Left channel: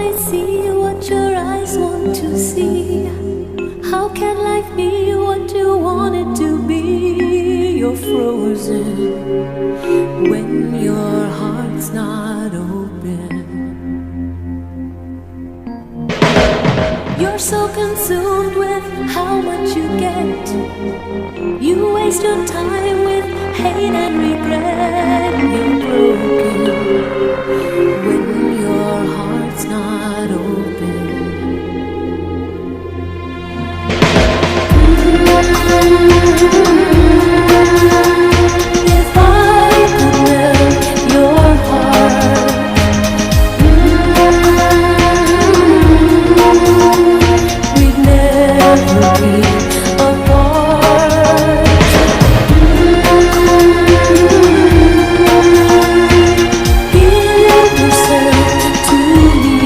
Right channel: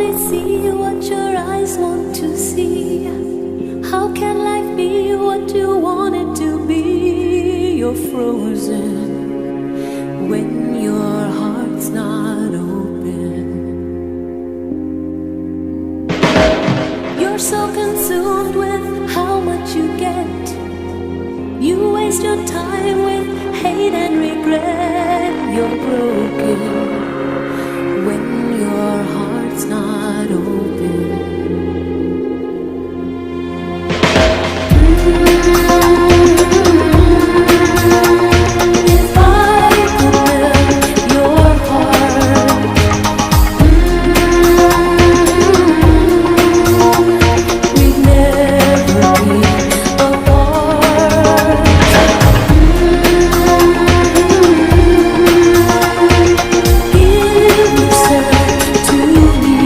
only see what your eyes want to see. How can life be what you want it to be? You're frozen when your heart's not open. You're so consumed with how much you get. You waste your time with hate and regret. You're broken when your heart's not open. If I could melt your heart, we'd never be apart. Give yourself to me.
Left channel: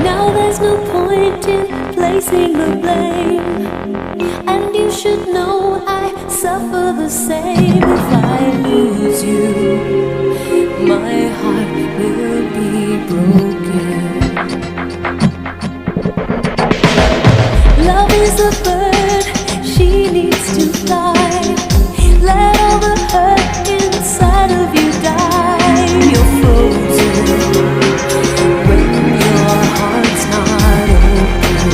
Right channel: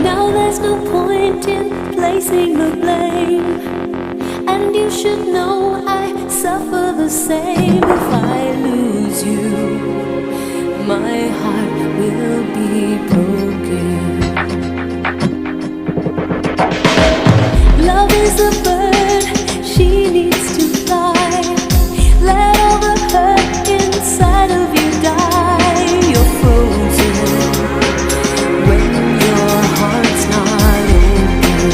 Now there's no point in placing the blame, and you should know I suffer the same. If I lose you, my heart will be broken. Love is a bird, she needs to fly. Let all the hurt inside of you die. You're frozen when your heart's not open.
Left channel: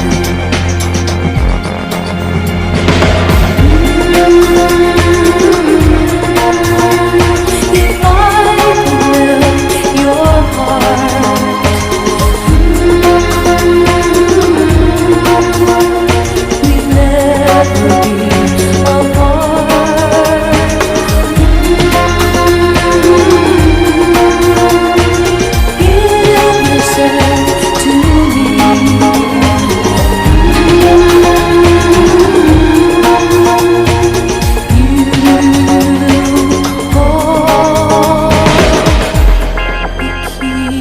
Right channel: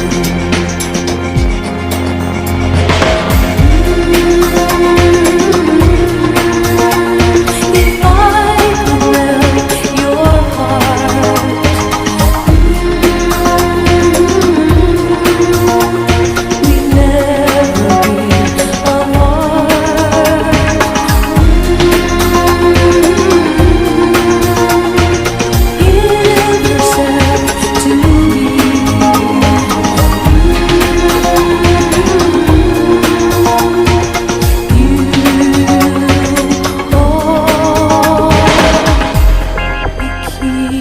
If I could melt your heart, we'd never be apart. Give yourself to me. You hold the key.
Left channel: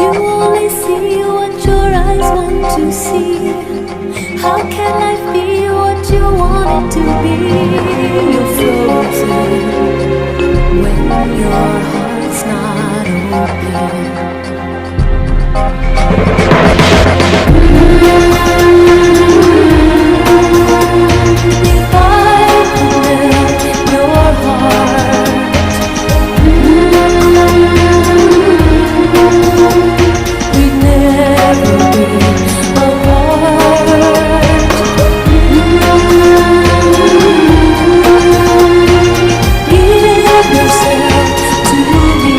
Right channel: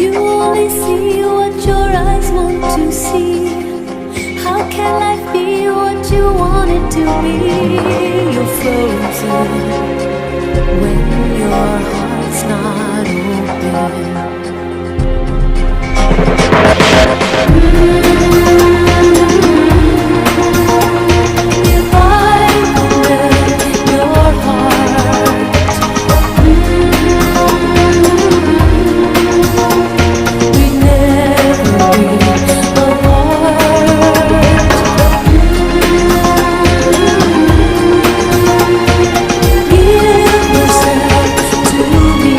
You only see what your eyes want to see. How can life be what you want it to be? You're frozen when your heart's not open. If I could melt your heart, we'd never be apart. Give yourself to me.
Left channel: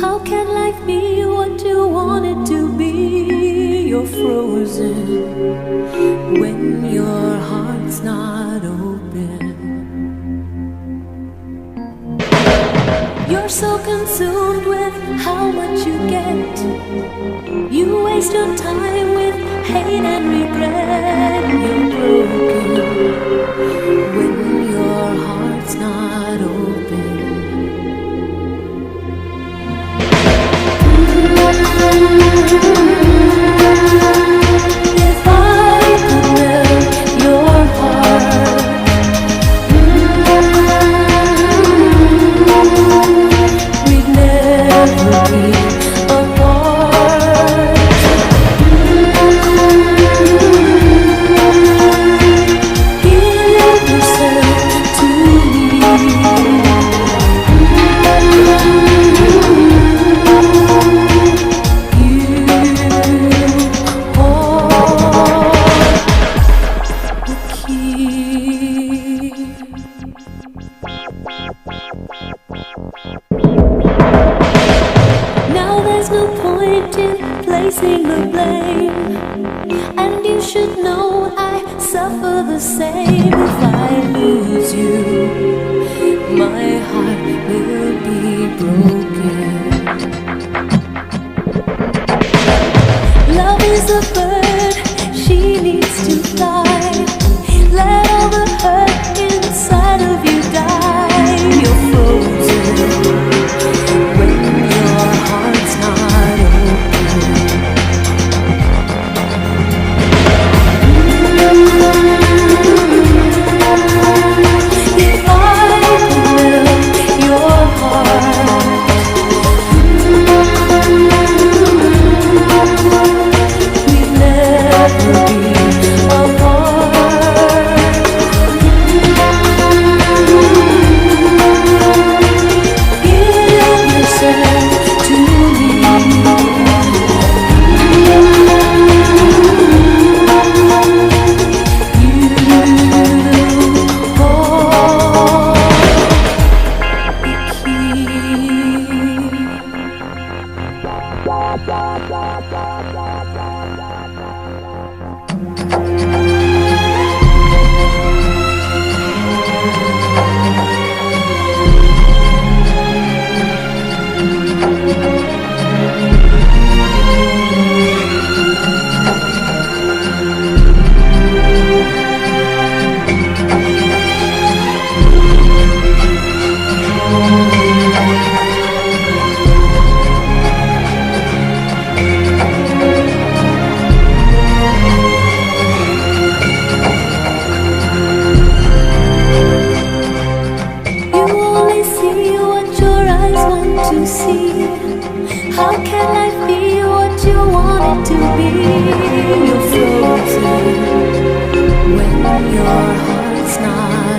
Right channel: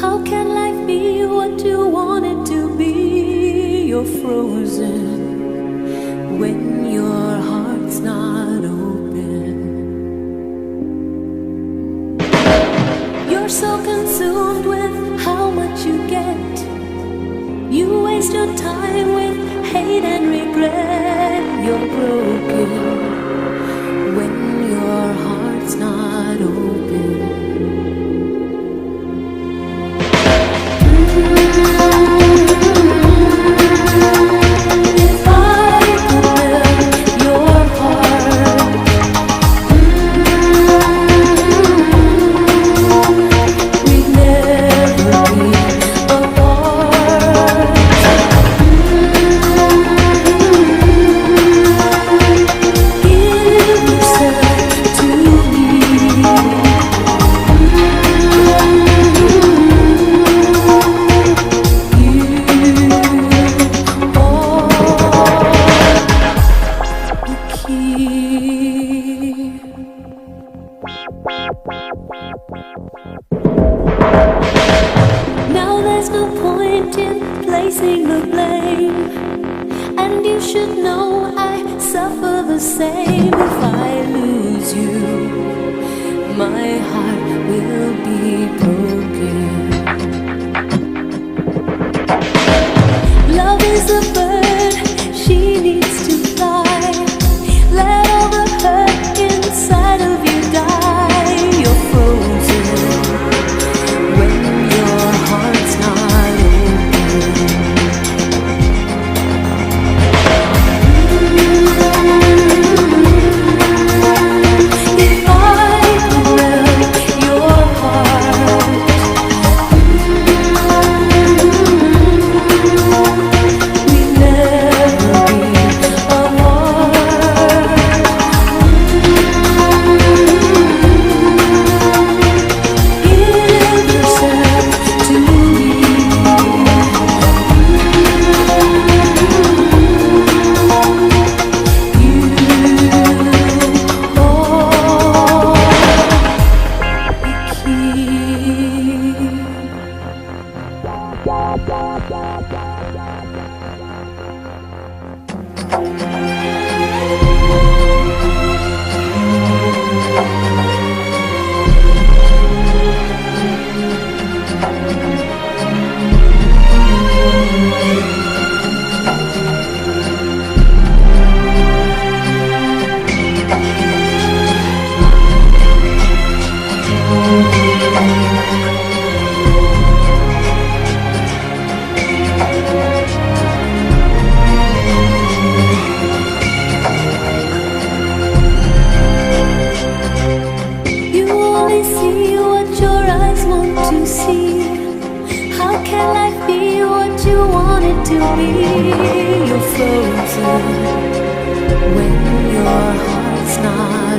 How can life be what you want it to be? You're frozen when your heart's not open. You're so consumed with how much you get. You waste your time with hate and regret. You're broken when your heart's not open. If I could melt your heart, we'd never be apart. Give yourself to me. Now there's no point in placing the blame, and you should know I suffer the same. If I lose you, my heart will be broken. Love is a bird, she needs to fly. Let all the hurt inside of you die. You're frozen when your heart's not open. If I could melt your heart, we'd never be apart. Give yourself to me. You hold the key. You only see what your eyes want to see. How can life be what you want it to be? You're frozen when your heart's not